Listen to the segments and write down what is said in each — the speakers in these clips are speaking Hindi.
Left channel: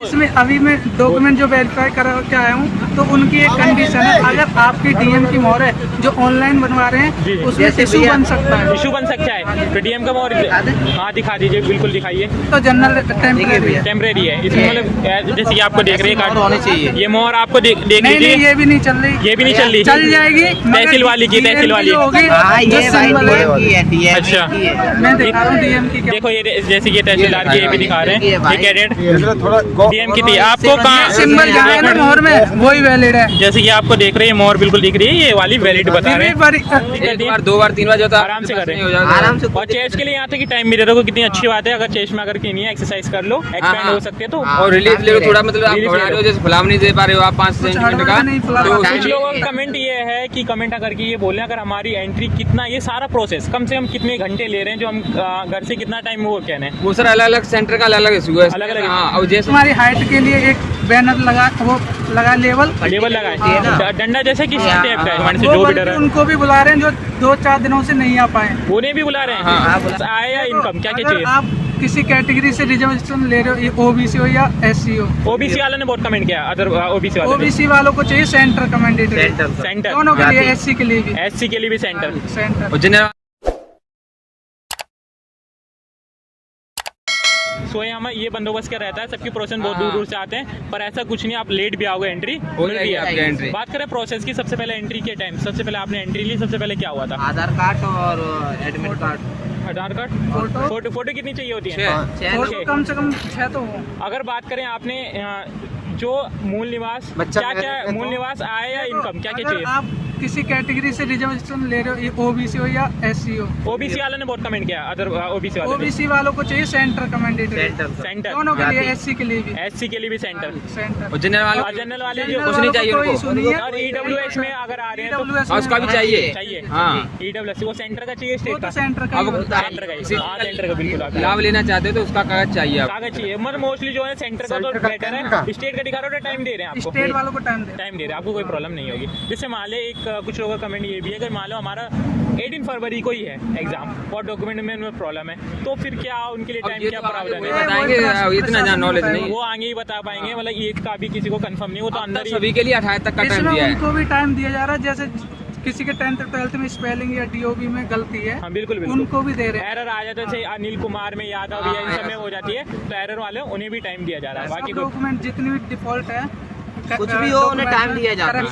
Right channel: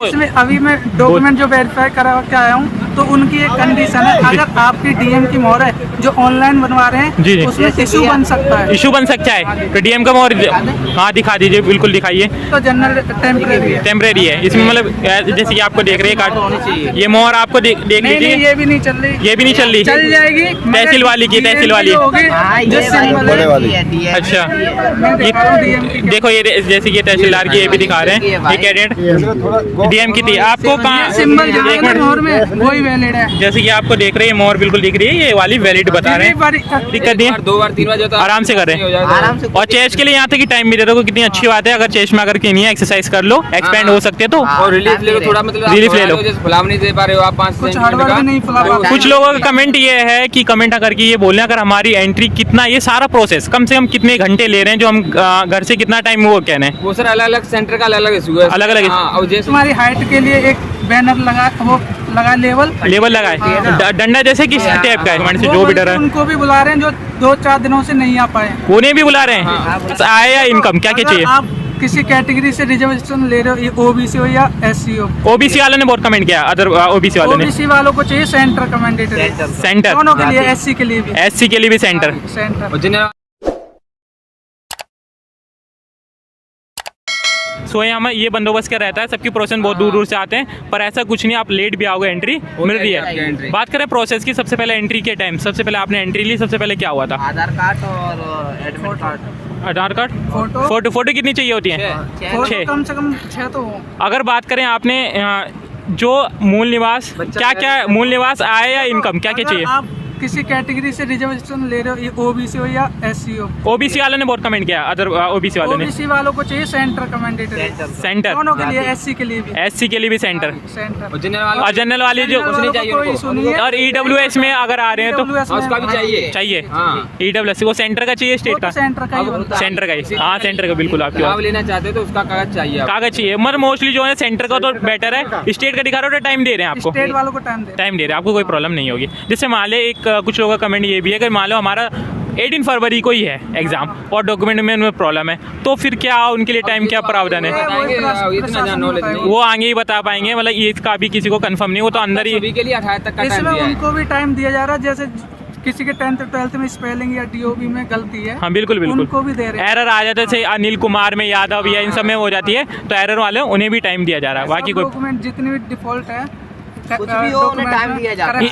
इसमें अभी मैं डॉक्यूमेंट जो वेरीफाई करा के आया हूँ, तो उनकी एक कंडीशन है, अगर आपकी डीएम की मोहर है जो ऑनलाइन बनवा रहे हैं, जी। उसमें इशू बन सकता है। इशू बन सकता है तो डीएम का मोहर हाँ दिखा दीजिए, बिल्कुल दिखाइए। तो जनरल टेम्परेरी है इसमें, मतलब जैसे कि आपको देख रहे हैं कार्ड होनी चाहिए। ये मोहर आपको देख लीजिए, ये भी नहीं चल रही, ये भी नहीं चल रही, चल जाएगी तहसील वाली की, तहसील वाली होगी जो सिंबल है। अच्छा मैं दिखा रहा हूँ डीएम की। देखो ये जैसे कि तहसीलदार की ये भी दिखा रहे हैं, ये कैडेट डीएम की थी। आपको कहाँ सिंबल मोहर में वही वैलिड है। जैसे कि आपको देख रहे हैं मोहर बिल्कुल दिख रही है, ये वाली वैलिड बता रहे हैं। दिक्कत नहीं है, 2 बार 3 बार जो आराम से करें, आराम से। और चेस्ट के लिए यहाँ तक कि टाइम भी दे रहा है, कितनी अच्छी बात है। अगर चेस्ट में अगर नहीं है, एक्सरसाइज कर लो, एक्सपेंड हो सकते हैं तो। और रिलीफ ले लो थोड़ा, मतलब रिलीफ ले लो, जैसे फुलाव नहीं दे पा रहे हो आप 5 सेंटीमीटर का। कुछ लोगों का कमेंट ये है कि कमेंट करके ये बोल रहे हैं अगर हमारी एंट्री कितना, ये सारा प्रोसेस कम से कम कितने घंटे ले रहे हैं, जो हम घर से कितना टाइम वो कहने वो सर अलग अलग सेंटर का अलग अलग इशू है, अलग अलग। और जैसे हमारी हाइट के लिए एक बैनर लगा लेवल लगाए, डंडा जैसे किस टाइप का है, जो भी डर है। उनको भी बुला रहे हैं जो 2-4 दिनों से नहीं आ पाए, उन्हें भी बुला रहे हैं। आय या इनकम क्या क्या चाहिए? आप किसी कैटेगरी से रिजर्वेशन ले रहे हो, ओबीसी हो या एससी हो। ओबीसी वाले ने बहुत कमेंट किया, अदर ओबीसी वाले ने। ओबीसी वालों को चाहिए सेंटर कमेंडेटरी, सेंटर दोनों के लिए, एससी के लिए भी, एससी के लिए भी सेंटर। सो यहाँ ये बंदोबस्त का रहता है, सबकी प्रोसेस बहुत दूर दूर से आते हैं, पर ऐसा कुछ नहीं, आप लेट भी आओगे एंट्री मिल रही है। बात करें प्रोसेस की, सबसे पहले एंट्री के टाइम, सबसे पहले आपने एंट्री ली, सबसे पहले क्या हुआ था? आधार कार्ड और एडमिट कार्ड। आधार कार्ड, फोटो कितनी चाहिए होती है? 6 कम से कम 6 तो हो। अगर बात करें आपने जो मूल निवास, क्या क्या मूल निवास, आय या इनकम क्या क्या चाहिए? आप किसी कैटेगरी से रिजर्वेशन ले रहे हो, ओबीसी हो या एससी हो। ओबीसी वाले ने बहुत कमेंट किया, अदर ओबीसी वाले ने। ओबीसी वालों को चाहिए सेंटर कमेंडेटरी, सेंटर दोनों के लिए, एससी के लिए भी, एससी के लिए भी सेंटर। और जनरल वाले जो कुछ नहीं चाहिए उनको। और ईडब्ल्यूएस में अगर आ रहे हैं तो उसका भी चाहिए। ईडब्ल्यूएस वो सेंटर का चाहिए, स्टेट का? सेंटर का ही। हाँ सेंटर का, बिल्कुल। आप लाभ लेना चाहते हो तो उसका कागज चाहिए, कागज चाहिए। मगर मोस्टली जो है सेंटर का तो बेटर है, स्टेट का दिखा रहा हो टाइम दे रहे हैं आपको, स्टेट वालों को टाइम दे रहे हैं आपको, कोई प्रॉब्लम नहीं होगी। जिससे मान ले एक कुछ लोगों का कमेंट ये भी है कि मान लो हमारा 18 फरवरी को ही है एग्जाम और डॉक्यूमेंट में उनमें प्रॉब्लम है, तो फिर क्या उनके लिए टाइम क्या प्रावधान है? इतना नॉलेज नहीं, वो आगे ही बता पाएंगे, मतलब ये का भी किसी को कंफर्म नहीं, वो तो अंदर ही। सभी के लिए 28 तक का टाइम दिया है। उनको भी टाइम दिया जा रहा है, जैसे किसी के 10th 12th में स्पेलिंग या डीओबी में गलती है, हाँ बिल्कुल उनको भी दे रहे हैं। एरर आ जाता है, जैसे अनिल कुमार में, यादव या इन सब में हो जाती है, तो एरर वाले उन्हें भी टाइम दिया जा रहा है। बाकी कोई डॉक्यूमेंट जितने भी डिफॉल्ट है, कुछ भी हो उन्हें टाइम दिया जाता है।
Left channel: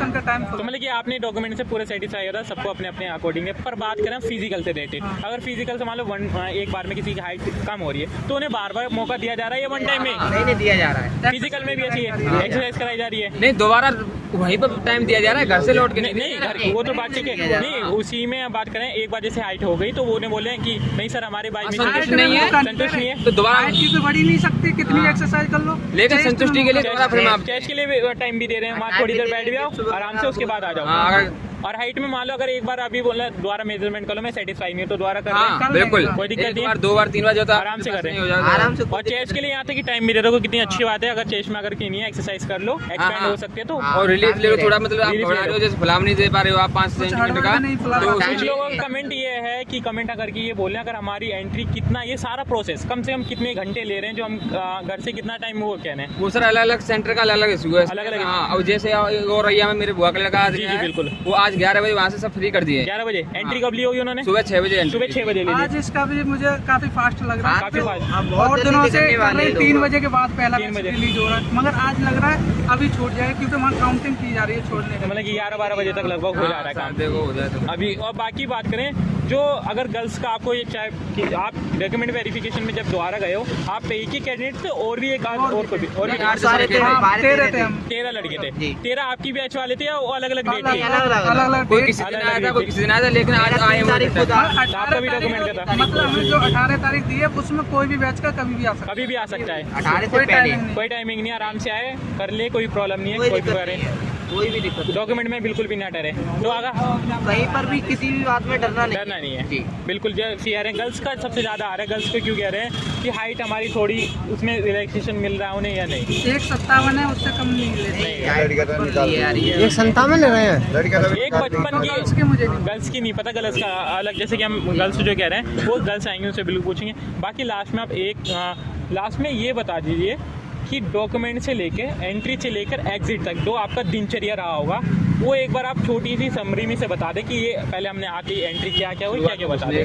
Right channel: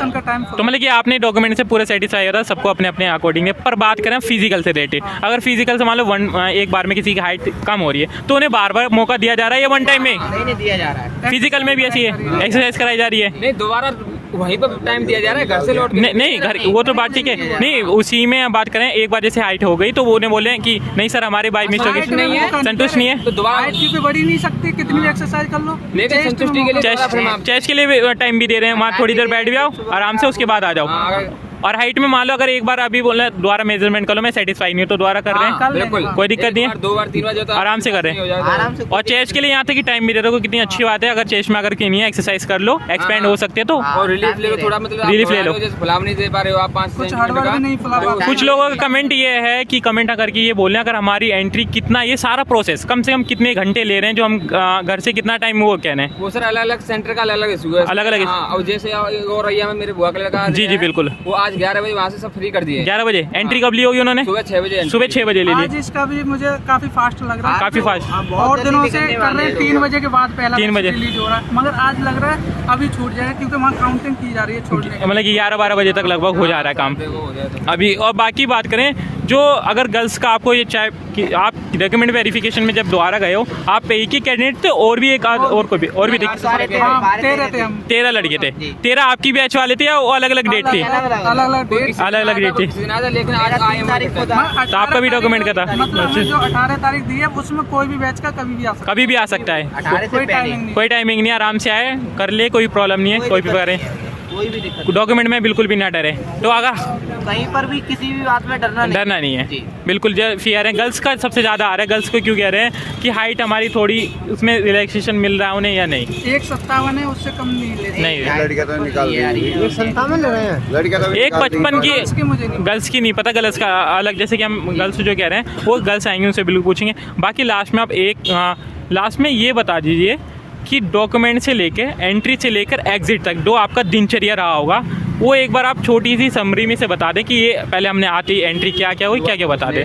तो मतलब कि आपने डॉक्यूमेंट से पूरे सेटिस्फाई होता है, सबको अपने अपने अकॉर्डिंग है। पर बात करें फिजिकल से रिलेटेड, अगर फिजिकल से मान लो एक बार में किसी की हाइट कम हो रही है, तो उन्हें बार बार मौका दिया जा रहा है या वन टाइम में? नहीं दिया जा रहा है, फिजिकल में भी ऐसी है, एक्सरसाइज कराई जा रही है। नहीं दोबारा वहीं पर टाइम दिया जा रहा है, घर से लौट के नहीं घर, वो तो बात ठीक है, नहीं उसी में बात करें, एक बार जैसे हाइट हो गई तो वो उन्हें बोले कि नहीं सर हमारे बाई मिस्टेक नहीं है, संतुष्ट नहीं है, तो दोबारा बढ़ी नहीं सकती, कितनी एक्सरसाइज कर लो, लेकिन संतुष्टि के लिए चेस्ट के लिए टाइम भी दे रहे हैं, वहाँ थोड़ी देर बैठ भी आओ आराम से, उसके बाद आ जाओ। और हाइट में मान लो अगर एक बार अभी बोला दोबारा मेजरमेंट कर लो, मैं सेटिस्फाई नहीं हूँ तो दोबारा कर लें, बिल्कुल कोई दिक्कत नहीं है। 2 बार 3 बार जो आराम से करें, आराम से। और चेस्ट के लिए यहाँ तक कि टाइम भी दे रहा हो, कितनी अच्छी बात है। अगर चेस्ट में अगर नहीं है, एक्सरसाइज कर लो, एक्सपेंड हो सकते हैं तो। और रिलीफ ले लो थोड़ा, मतलब रिलीफ ले लो, जैसे फुलाव नहीं दे पा रहे हो आप 5 सेंटीमीटर का। कुछ लोगों का कमेंट ये है कि कमेंट करके ये बोल रहे हैं अगर हमारी एंट्री कितना, ये सारा प्रोसेस कम से कम कितने घंटे ले रहे हैं, जो हम घर से कितना टाइम वो कहने। वो सर अलग अलग सेंटर का अलग अलग इशू है, अलग अलग। और जैसे और रैया में मेरे बुआ का लड़का, जी जी बिल्कुल, वो आज 11 बजे वहाँ से सब फ्री कर दिए। 11 बजे एंट्री कब ली होगी उन्होंने? सुबह 6 बजे, सुबह 6 बजे ले ली। आज इसका भी मुझे काफी फास्ट लग रहा है, काफी फास्ट, बहुत दिनों से कर रहे हैं, 3 बजे के बाद पहला 3 बजे रिलीज हो रहा है, मगर आज लग रहा है अभी छूट जाए, क्योंकि वहाँ काउंटिंग की जा रही है, छूट जाए, मतलब कि 11-12 बजे तक लगभग हो जा रहा है काम अभी। और बाकी बात करें जो अगर गर्ल्स का आपको ये चाहे कि आप डॉक्यूमेंट वेरिफिकेशन में जब दोबारा गए हो, आप एक ही कैंडिडेट थे और भी एक और भी 13 लड़के थे, 13 आपकी बैच वाले थे या अलग अलग डेट थी? अलग अलग डेट थी, लेकिन आज आए तो आपका भी डॉक्यूमेंट का था। जो 18 तारीख दी है उसमें कोई भी बैच का कभी भी आ सकता है, कोई टाइमिंग नहीं, आराम से आए कर ले, कोई प्रॉब्लम नहीं है, कोई भी करें, कोई भी दिक्कत, डॉक्यूमेंट में बिल्कुल भी ना डरे। तो अगर कहीं पर भी किसी भी बात में डरना नहीं है, बिल्कुल फियर है। गर्ल्स का सबसे ज़्यादा आ रहा है, गर्ल्स को क्यों कह रहे हैं कि हाइट हमारी थोड़ी उसमें रिलैक्सेशन मिल रहा है उन्हें या नहीं? 157 है, उससे कम नहीं ले, नहीं 157 ले रहे हैं, 155 की गर्ल्स की नहीं पता, गर्ल्स का अलग, जैसे कि हम गर्ल्स जो कह रहे हैं वो गर्ल्स आएंगे उनसे बिल्कुल पूछेंगे। बाकी लास्ट में आप लास्ट में ये बता दीजिए कि डॉक्यूमेंट से लेके एंट्री से लेकर एग्जिट तक जो आपका दिनचर्या रहा होगा वो एक बार आप छोटी सी समरी में से बता दें कि ये पहले हमने आती एंट्री क्या क्या हुई, क्या क्या बता दें,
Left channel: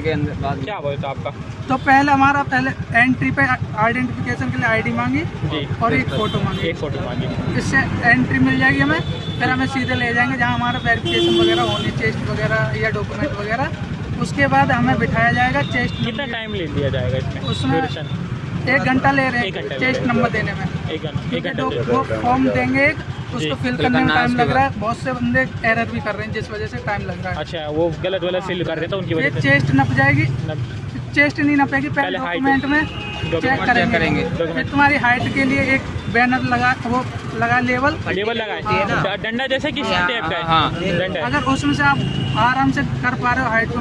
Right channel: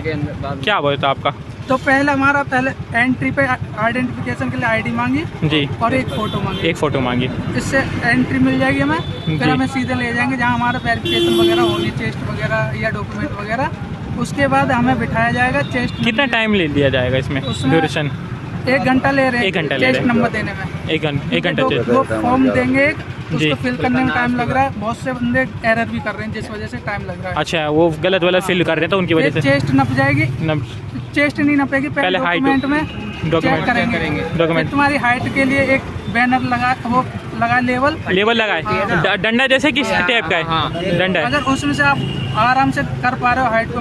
क्या होता आपका। तो पहले एंट्री पे आइडेंटिफिकेशन के लिए आईडी मांगी जी और एक फ़ोटो मांगी। एक फ़ोटो मांगी, इससे एंट्री मिल जाएगी हमें। जी। फिर हमें सीधे ले जाएंगे जहाँ हमारा वेरिफिकेशन वगैरह होनी, चेस्ट वगैरह या डॉक्यूमेंट वगैरह। उसके बाद हमें बिठाया जाएगा चेस्ट। कितना टाइम ले लिया जाएगा इसमें उसमें ड्यूरेशन? 1 घंटा ले रहे 1 घंटा हैं ले चेस्ट रहे हैं। नंबर देने में। एक घंटा तो चेस्ट। वो फॉर्म देंगे जी। उसको फिल करने में टाइम लग रहा है। बहुत से बंदे एरर भी कर रहे हैं जिस वजह से टाइम लग रहा है। अच्छा, वो गलत वाला फिल कर रहे थे उनकी वजह से। चेस्ट नप जाएगी, चेस्ट नहीं नपेगी, पहले height- डॉक्यूमेंट में चेक करेंगे। डॉक्यूमेंट फिर तुम्हारी हाइट के लिए एक बैनर लगा लेवल लगाए, डंडा जैसे किस टाइप का है डंडा है? अगर उसमें से आप आराम से कर पा रहे हो हाइट को,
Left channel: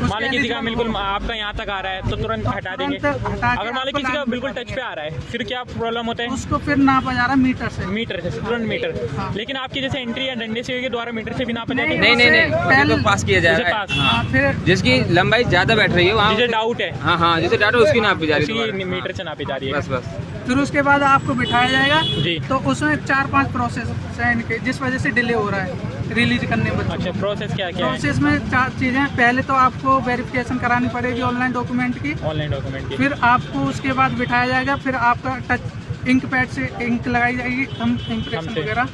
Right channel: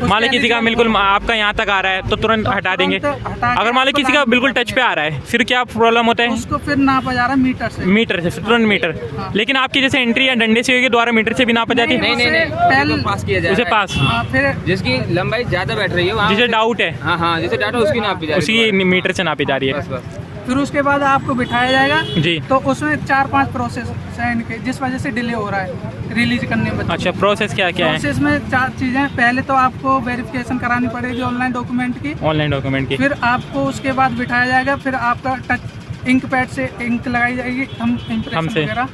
मान लो किसी का बिल्कुल आपका यहाँ तक आ रहा है तो तुरंत हटा देंगे। तुरंत हटा के अगर मान लो किसी का बिल्कुल टच पे आ रहा है फिर क्या प्रॉब्लम होता है? उसको फिर नापा जा रहा है मीटर से। मीटर से, तुरंत मीटर। हाँ। लेकिन आपकी जैसे एंट्री या डंडे से होगी द्वारा मीटर से भी नापा जाती है? नहीं पहले- तो पास किया उसे जाएगा। पास, फिर जिसकी लंबाई ज्यादा बैठ रही है वहाँ जिसे डाउट है हाँ जिसे डाटा उसकी नापी जा रही है उसी मीटर से नापी जा रही है। बस फिर उसके बाद आपको बिठाया जाएगा। जी। तो उसमें 4-5 प्रोसेस है इनके, जिस वजह से डिले हो रहा है रिलीज करने में। अच्छा, प्रोसेस क्या क्या है? प्रोसेस में 4 चीज़ें। पहले तो आपको वेरिफिकेशन करानी पड़ेगी ऑनलाइन डॉक्यूमेंट की। ऑनलाइन डॉक्यूमेंट की। फिर आपको उसके बाद बिठाया जाएगा। फिर आपका टच इंक पैड से इंक लगाई जाएगी, थंब इम्प्रेशन हमसे। वगैरह।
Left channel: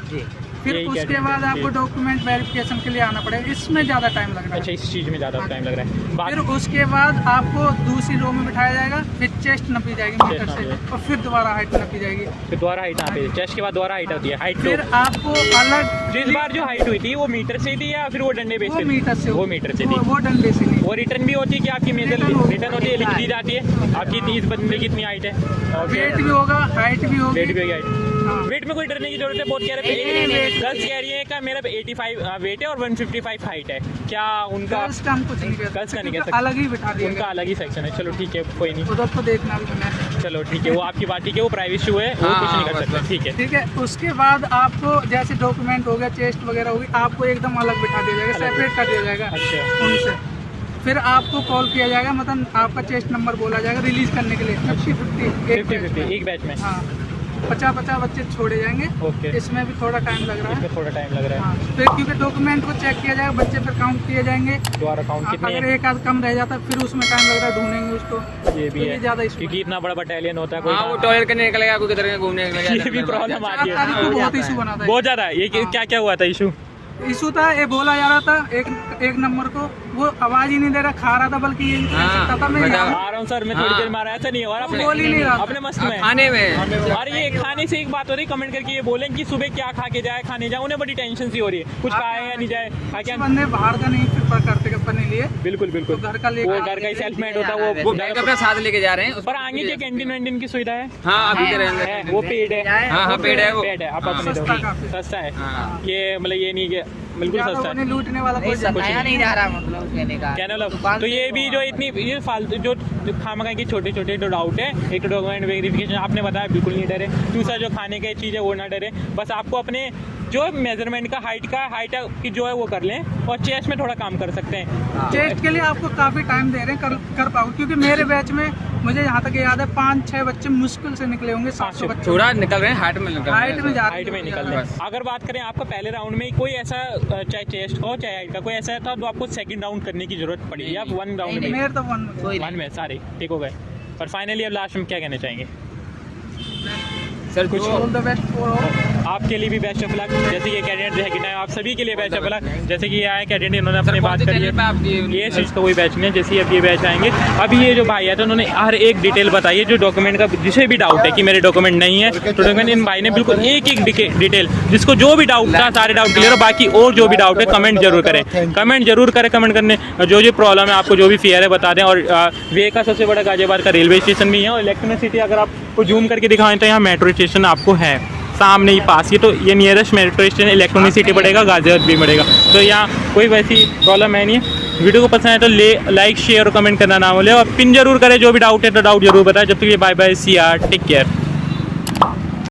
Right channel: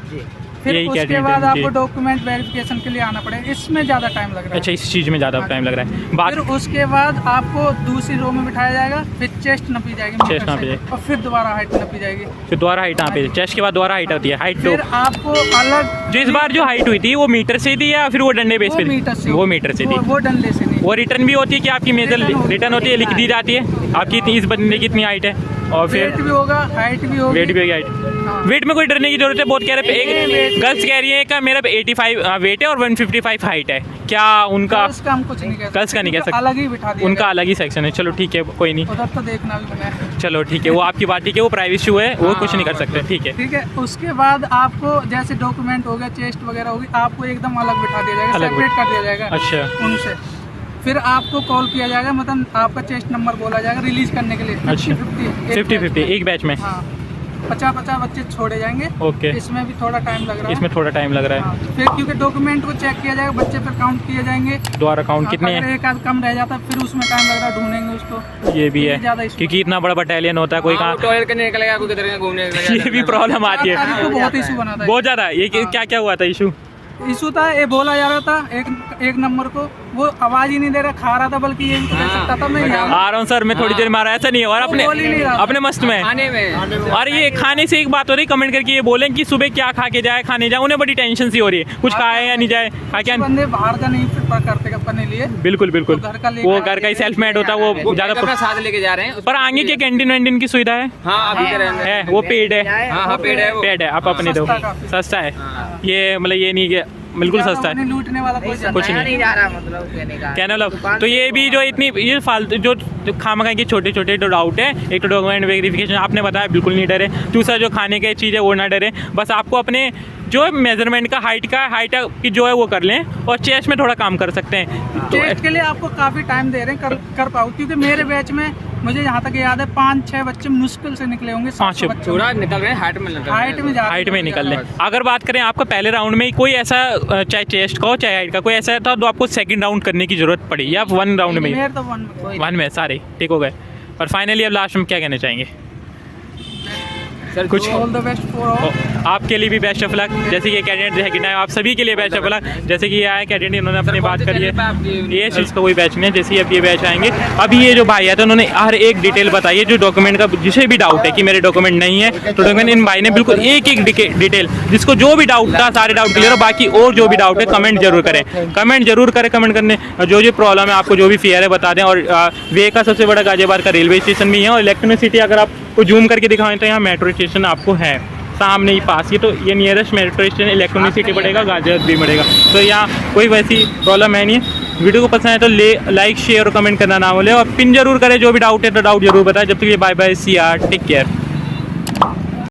फिर यही क्या उसके detail बाद जी। आपको डॉक्यूमेंट वेरिफिकेशन के लिए आना पड़ेगा। इसमें ज़्यादा टाइम लग रहा है। अच्छा, इस चीज़ में ज़्यादा टाइम लग रहा है। बात फिर उसके बाद आपको दूसरी रो में बिठाया जाएगा। फिर चेस्ट नपी जाएगी चेस्ट मीटर नापी से, जाएगी। और फिर दोबारा हाइट नपी जाएगी। फिर द्वारा हाइट यहाँ पे, चेस्ट के बाद द्वारा हाइट होती है। हाइट तो फिर आपको अलग जो इस बार जो हाइट हुई थी वो मीटर से थी या फिर वो डंडे बेस वो पे? मीटर से वो मीटर से थी। वो डंडे से नहीं। वो रिटर्न भी होती है कि आपकी मेजर रिटर्न होती है, लिख दी जाती है आपकी इस बंदे की इतनी हाइट है और वेट फिर भी होगा, हाइट भी होगी। वेट भी होगी। हाइट, हाँ। वेट में कोई डरने की जरूरत है? बहुत कह रहे हैं, गर्ल्स कह रही है का मेरा 85 वेट है और 155 हाइट है, क्या उनका? उसका हम कुछ नहीं कह सकते। गर्ल्स का नहीं कह उनका सकते। अलग ही बिठा दिया उनका अलग ही सेक्शन है। चलो ठीक है, कोई नहीं, उधर तो देखना भी बना है। चलो ठीक है, वो आपकी बात ठीक है, वो प्राइवेसी इशू है, वो कुछ नहीं कर सकते। ठीक है, ठीक है। उसके बाद आपको जैसे डॉक्यूमेंट हो गया, चेस्ट वगैरह होगी, आपको एकदम अलग बिठा दिया जाएगा, अलग सेपरेट कर दिया जाएगा अच्छा। उनसे। फिर आपको कॉल किया जाएगा, मतलब आपका चेस्ट नंबर बोला जाएगा रिलीज करने के लिए। अच्छा। 50-50 50-50 एक बैच में। हाँ, 50-50 बच्चे छोड़े जाएंगे। ओके, इसमें भी थोड़ा टाइम लग रहा है। इसमें थोड़ा टाइम लग रहा है। हाँ, फिर क्योंकि डॉक्यूमेंट को चेक किया जाएगा, बच्चे फिर काउंट किए जाएंगे। द्वारा काउंट कितने अगर हैं? एक आध कम रह जाता फिर उसमें टाइम लग रहा है, ढूंढेंगे उसको। ये भी है ज़्यादा इसमें क्योंकि इतना बड़ा बटालियन होता है, कोई कहाँ टॉयलेट करने निकलेगा, कोई किधर घूमने ये भी प्रॉब्लम आती है। वो बहुत इशू बना था। बहुत ज़्यादा। ये क्या क्या हुआ था इशू? इशू था, ये बोला जा रहा था एक नंबर को, वो आवाज ही नहीं दे रहा, खा रहा था, बल्कि ये कह सकता था मैं आ रहा हूँ सर, मैं थोड़ी देर मारा, ऐसा नहीं है। और अपने बोल ही नहीं रहा था। अपने मस्त में। खाने में और ये खाने से एक बात हो रही, कमेंट करके ये बोलें कि सुबह क्या खा के जाए, खाने जाए, उन्हें बड़ी टेंशन सी हो रही है, कुछ खाए या नहीं जाए, खा क्या। बंदे बाहर का नहीं प्रेफर करते अपने लिए। बिल्कुल बिल्कुल, तो घर का लेके वो घर का ही सेल्फ मेड होता है, वो अपना ज़्यादा। साथ लेके जा रहे हैं। पर आगे क्या कैंटीन वैंटीन की सुविधा है? हाँ अभी तो है, वो पेड है। हाँ पेड़ है वो। पेड है, आप अपने दो, सस्ता काफी। सस्ता है हाँ। ये, मतलब ये नहीं कि बिल्कुल सस्ता है। लूटने वाला कोई कुछ नहीं जा रहा, मतलब कहने का क्या मतलब। तो ये भी जो इतनी ये फालतू जो खामखा के छोटे छोटे जो डाउट है, एक तो डॉक्यूमेंट वेरिफिकेशन आपने बताया, बिल्कुल नहीं डरे। दूसरा जो खाने की चीज़ है वो ना डरे, बस आपको अपने जो मेजरमेंट का हाइट की जो है वो कर लें, और चेस्ट में थोड़ा काम कर सकते हैं। चेस्ट के लिए आपको काफी टाइम दे रहे हैं, कर पाओ, क्योंकि मेरे बैच में मुझे यहाँ तक याद है 5-6 बच्चे मुश्किल से निकले होंगे। 5-6 बच्चे थोड़ा निकल रहे हैं, हाइट में निकल रहे हैं। हाइट में जा हाइट में निकल लें। अगर बात करें आपका पहले राउंड में कोई ऐसा, चाहे चेस्ट का हो चाहे हाइट का, कोई ऐसा था तो आपको सेकंड राउंड करने की जरूरत पड़ी, या 1 राउंड में? मेरे तो 1 में सारे ठीक हो गए। और फाइनली अब लास्ट में क्या कहना चाहेंगे? सर कुछ ऑल द बेस्ट फॉर आपके लिए भी बेस्ट ऑफ लक, जैसे कि कैंडिडेट है कि आप सभी के लिए बेस्ट ऑफ लक। जैसे कि ये आया कैंडिडेट, इन्होंने अपनी बात करी है, ये चीज़ का कोई बैच नहीं है। जैसे अब ये बैच आएंगे, अभी ये जो भाई है तो उन्होंने हर एक डिटेल बताई है, जो डॉक्यूमेंट का जिसे भी डाउट है कि मेरे डॉक्यूमेंट नहीं है, तो डॉक्यूमेंट इन भाई ने बिल्कुल एक डिटेल, जिसको जो भी डाउट था सारे डाउट क्लियर हो। बाकी और जो भी डाउट है कमेंट जरूर करें, कमेंट करने जो जो प्रॉब्लम है, आपको जो भी फियर है बता दें। और वे का सबसे बड़ा गाजियाबाद का रेलवे स्टेशन भी है, और इलेक्ट्रॉनिसिटी अगर आपको जूम करके दिखाएं तो यहाँ मेट्रो स्टेशन आपको है सामने ही पास। ये तो ये नियरेस्ट मेट्रो स्टेशन इलेक्ट्रॉनिसिटी पड़ेगा, गाजियाबाद भी पड़ेगा, तो यहाँ कोई वैसी प्रॉब्लम है नहीं है। वीडियो को पसंद है तो लाइक शेयर और कमेंट करना ना भूलें, और पिन जरूर करें। जो भी डाउट है तो डाउट जरूर बताएं। जब तक ये bye bye, see ya, take care.